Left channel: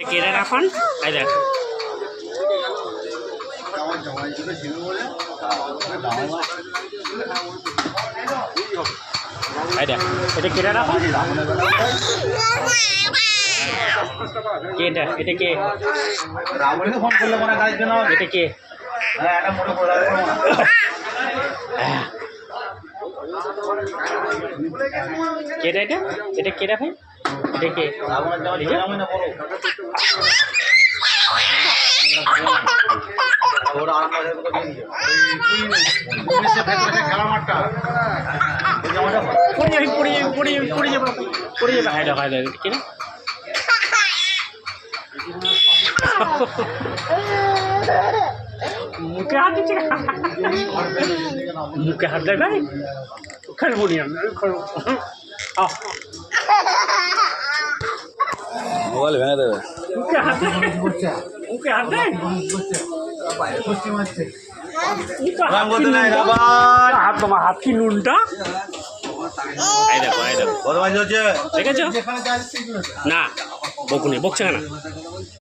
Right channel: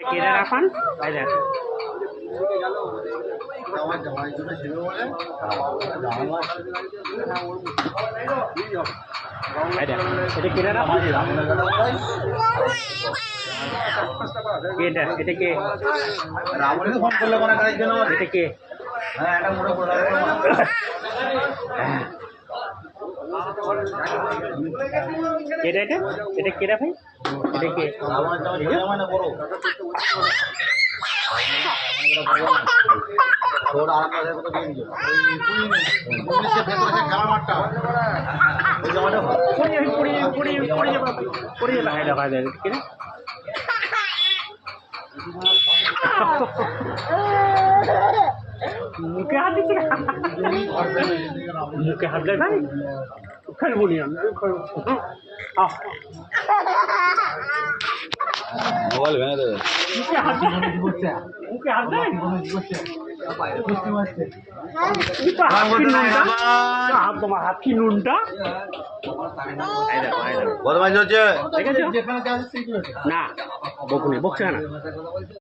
কেটে রাখান এই দেখ এই দেখ এটা কেটে রাখান এটা কে রামুকে ফোন করলে কোন গাড়ির জন্য এটা কে হ্যাঁ এটা মোড়ে পড়ে কেটে এটা কেটে ভাই এটা কে মানে বড় ওর আর আমাদের কত দিন পুলিশে ভেতরে খেলার মাঠটা এই জায়গাটা পড়ে যাবে হাই দেখা যায় কিনা মুখে হাত দিচ্ছে মুখে হাত দেয় ভাই খেলবো নি আমি মোবাইল ভেঙে দেবে মুখে হাত দেয় হাত তোমার হাত কি নুনটা বদমাইশ হচ্ছে দেখেছো না বকুনি বকছে না